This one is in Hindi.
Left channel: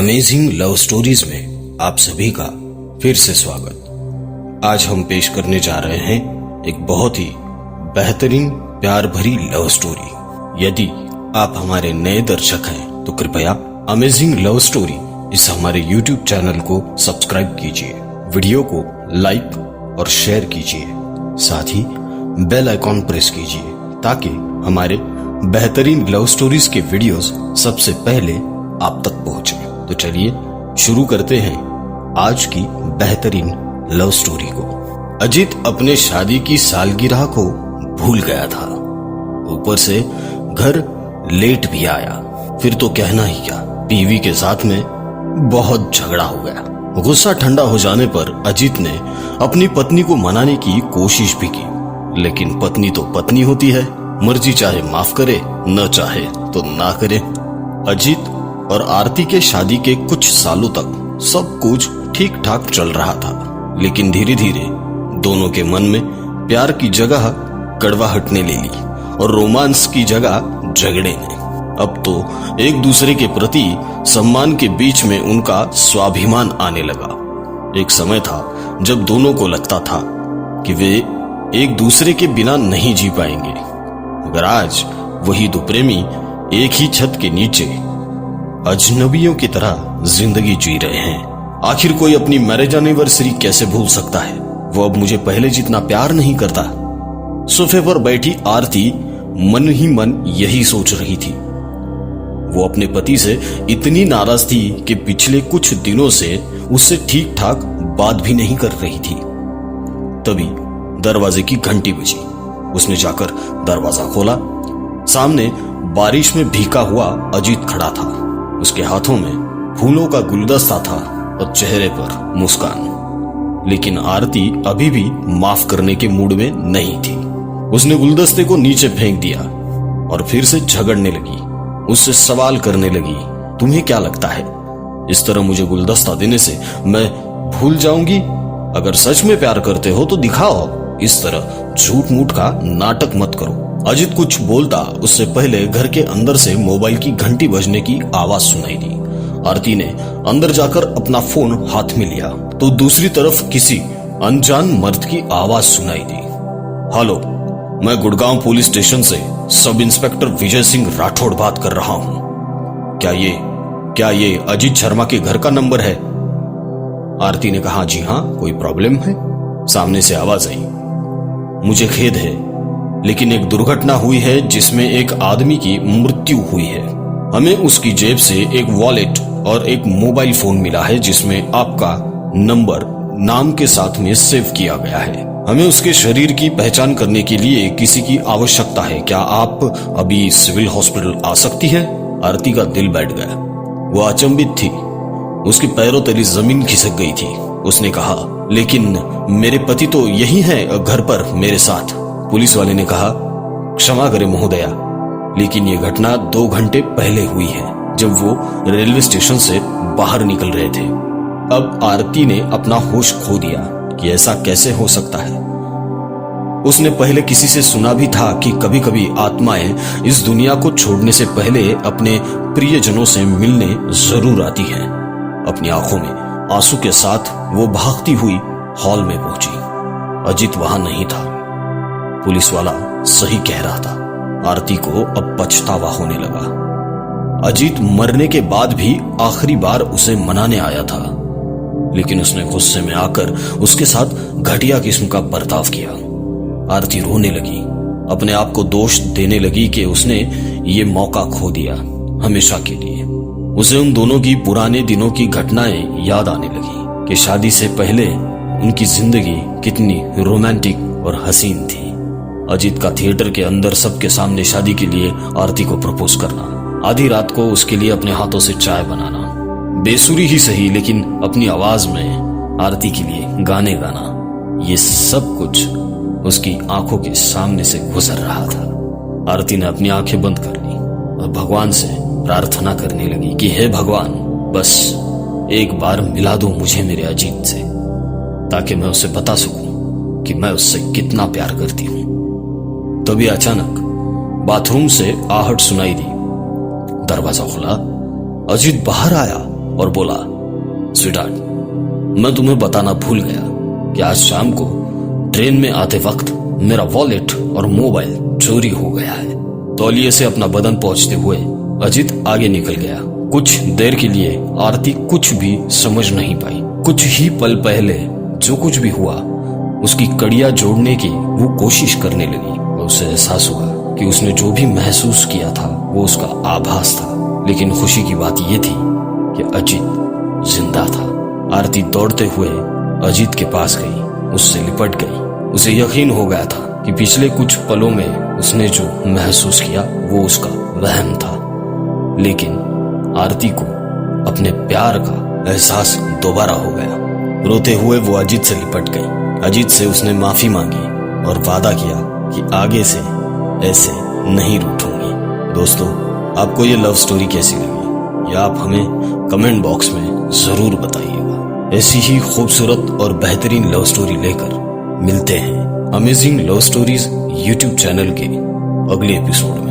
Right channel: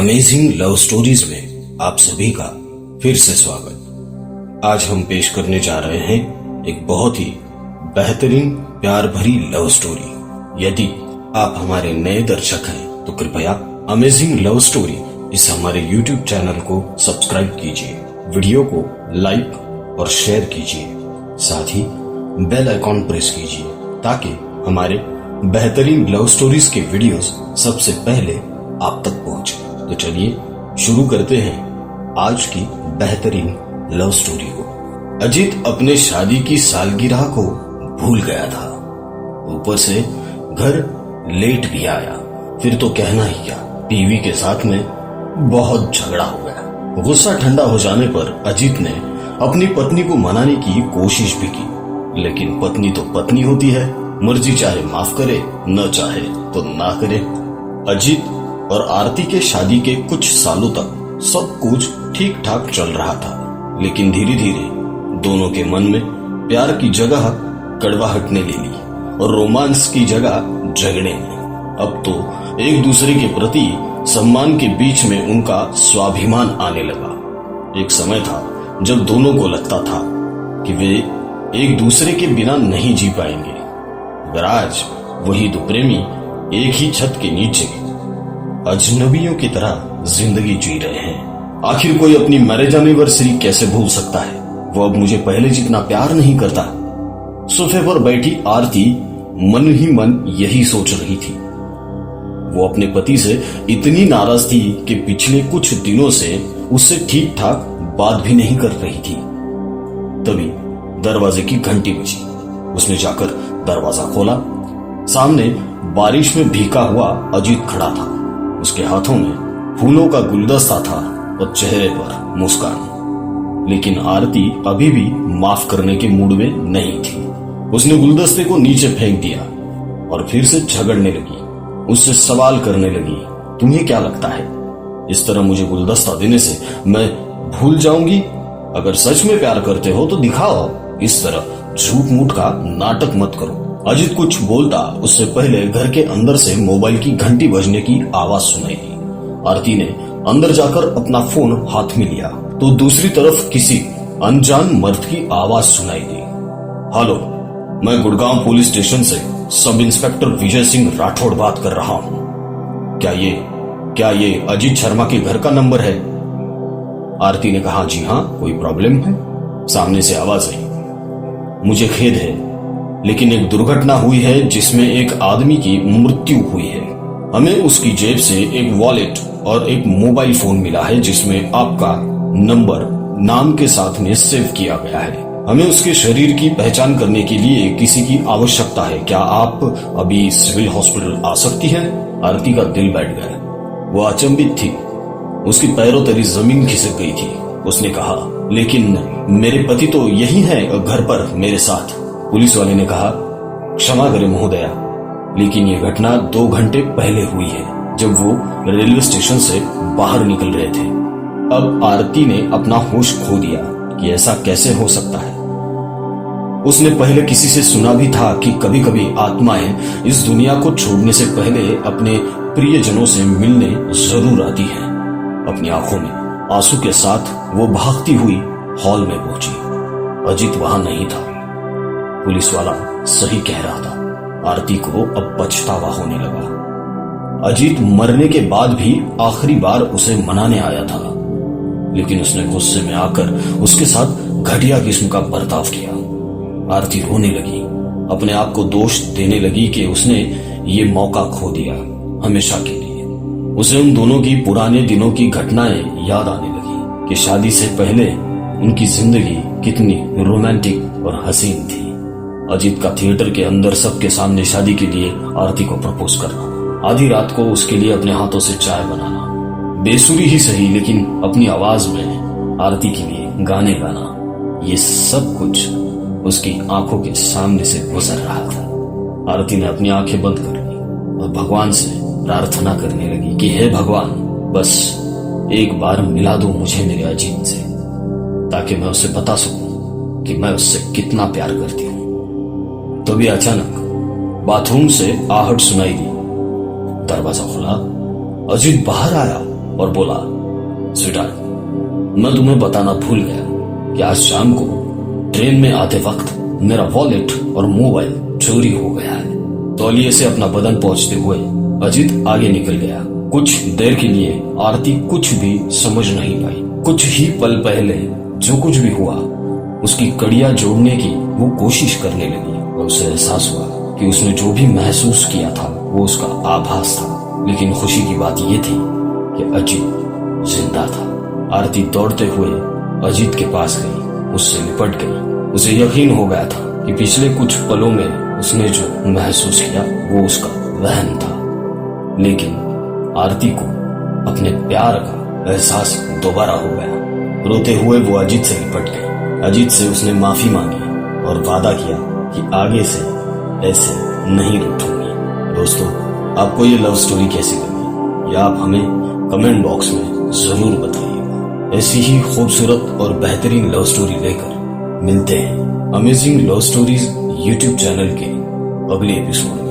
अमेजिंग लव स्टोरीज में आप सभी का फिर से स्वागत। आज हम पेश करने जा रहे हैं एक बहुत ही बेहतरीन प्यार भरी लव स्टोरी। यदि आप हमारे नए दर्शक हैं तो कृपया अमेजिंग लव स्टोरी इस हमारे YouTube चैनल को सब्सक्राइब कीजिए, वीडियो को लाइक और शेयर कीजिए, साथ ही बेल आइकॉन प्रेस कीजिए ताकि हमारे बेहतरीन लव स्टोरीज के वीडियोस सबसे पहले आप तक पहुंचे। तो चलिए शुरू करते हैं आज की बेहतरीन लव स्टोरी को। अजीत अपने शादी की सालगिरह को भूल गया था, ऊपर से घर लेट भी आया। फिर तो कहना ही क्या, बीवी के साथ में बहुत झगड़ा हो गया। गुस्सा ठंडा हो जाने पर अजीत ने अपनी पत्नी को मनाने की कोशिश भी की, लेकिन पत्नी तो पत्नी होती है, मर्जी चाहे माफ करे न चाहे तो ना करे। अजीत और आरती के शादी के कुछ सालों तक सब कुछ ठीक ठाक चल रहा था, लेकिन धीरे धीरे दोनों के मन में प्यार की जगह कड़वाहट ने ले ली और रोमांस की जगह झगड़े ने। अब तो एक दूसरे के प्रति सम्मान के बीच में उनका स्वाभिमान आने लगा। एक समय था जब दोनों को लगता था कि वे एक दूसरे के बिना नहीं जी पाएंगे, मगर आज वही दो प्रेमी एक ही छत के नीचे अजनबियों की तरह जिंदगी जी रहे हैं। आखिर कोई अपनी मैरिज एनिवर्सरी कैसे भूल सकता है? वो अब मुझे पहले जितना प्यार नहीं करता। सोफे पर बैठी आरती मन ही मन यही सोच रही थी। वो अपने पति से इतनी नाराज थी कि पिछले कुछ दिनों से उससे ठीक ठाक बात भी नहीं कर रही थी। तभी दरवाजे की घंटी बजी। उसने जाकर दरवाजा खोला। सामने बारिश में भीगा हुआ अजीत खड़ा था। उसके हाथों में फूलों का गुलदस्ता था और चेहरे पर मुस्कान, लेकिन आरती अभी भी माफ करने के मूड में नहीं थी। उसने गुलदस्ते को नीचे फेंक दिया और फिर से झगड़ने लगी। उससे सवाल करने लगी, तुम्हें क्या लगता है इस तरह मुझे गुलदस्ता देने से मैं भूल जाऊंगी? अगर सच में प्यार करते हो तो दिखाओ, इस तरह झूठ मूठ का नाटक मत करो। अजीत कुछ बोलता उससे पहले घर के अंदर से मोबाइल की घंटी बजने की आवाज सुनाई दी। आरती ने अंदर जाकर अपना फोन हाथ में लिया तो दूसरी तरफ किसी अनजान मर्द की आवाज सुनाई दी। हेलो, मैं गुड़गांव पुलिस स्टेशन से सब इंस्पेक्टर विजय सिंह राठौड़ बात कर रहा हूं। क्या ये अजीत शर्मा के घर का नंबर है? आरती ने कहा, जी हाँ, कोई प्रॉब्लम है? सामने से आवाज आई, मुझे खेद है लेकिन एक दुर्घटना हुई है जिसमें एक आदमी की मृत्यु हुई है। हमें उसकी जेब से एक वॉलेट और एक मोबाइल फोन मिला है जिसमें आपका नंबर नाम के साथ में सेव किया गया है। हमें उसके शरीर की पहचान करने के लिए किसी की आवश्यकता है। क्या आप अभी सिविल हॉस्पिटल आ सकती हैं? आरती का दिल बैठ गया। वो अचंभित थी, उसकी पैरों तली जमीन खिसक गई थी। उसने कहा, लेकिन मेरे पति तो यही है घर पर मेरे साथ। पुलिस वाले ने कहा, क्षमा करें महोदया, लेकिन ये घटना 2 घंटे पहले हुई है जब वो रेलवे स्टेशन से बाहर निकल रहे थे। अब आरती ने अपना होश खो दिया कि ऐसा कैसे हो सकता है। उसने पहले किसी से सुना भी था कि कभी कभी आत्माएं इस दुनिया को छोड़ने से पहले अपने प्रियजनों से मिलने जरूर आती हैं। अपनी आंखों में आंसू के साथ वो भागती हुई हॉल में पहुंची। अजीत वहां नहीं था। पुलिस वाला सही कह रहा था, आरती को अब पछतावा होने लगा। अजीत मरने के बाद भी आखिरी बार उसे मनाने आया था, लेकिन उसने गुस्से में आकर उसके साथ घटिया किस्म का बर्ताव किया। आरती रोने लगी, अपने आप को दोष देने लगी कि उसने ये मौका खो दिया हमेशा के लिए। उसे उन दोनों की पुराने दिनों की घटनाएं याद आने लगी कि शादी से पहले उनकी जिंदगी कितनी रोमांटिक और हसीन थी। अजीत का थिएटर के अंदर सबके सामने शादी के लिए आरती को प्रपोज करना, आधी रात को उसके लिए अपने हाथों से चाय बनाना, बेसुरी ही सही लेकिन अपनी आवाज में आरती के लिए गाने गाना, ये सब कुछ उसकी आंखों के सामने से गुजर रहा था। आरती ने अपनी आंखें बंद कर ली और भगवान से प्रार्थना करने लगी कि हे भगवान, बस एक बार मिला दो मुझे मेरे अजीत से, ताकि मैं उसे बता सकूं कि मैं उससे कितना प्यार करती हूं। तभी अचानक बाथरूम से आहट सुनाई दी। दरवाजा खुला, अजीत बाहर आया और बोला, स्वीटहार्ट, मैं तुम्हें बताना भूल गया कि आज शाम को ट्रेन में आते वक्त मेरा वॉलेट और मोबाइल चोरी हो गया है। तौलिए से अपना बदन पहुंचते हुए अजीत आगे निकल गया। कुछ देर के लिए आरती कुछ भी समझ नहीं पाई। कुछ ही पल पहले जो कुछ भी हुआ उसकी कड़ियां जोड़ने की वो कोशिश करने लगी और उसे एहसास हुआ कि उसने जो भी महसूस किया था वो उसका आभास था। लेकिन खुशी की बात ये थी कि अजीत जिंदा था। आरती दौड़ते हुए अजीत के पास गई, उससे लिपट गई। उसे यकीन हो गया था कि पिछले कुछ पलों में उसने जो महसूस किया वो उसका वहम था। लेकिन आरती को अपने प्यार का एहसास दोबारा हो गया। रोते हुए वो अजीत से लिपट गई। अजीत से उसने माफी मांगी और वादा किया कि आगे से ऐसे नहीं रूठूंगी। दोस्तों, आपको ये लव स्टोरी कैसी लगी या आप हमें कमेंट बॉक्स में जरूर बताइएगा। ऐसी ही खूबसूरत और बेहतरीन लव स्टोरी लेकर मिलते हैं amazing love stories YouTube channel के अगले एपिसोड में।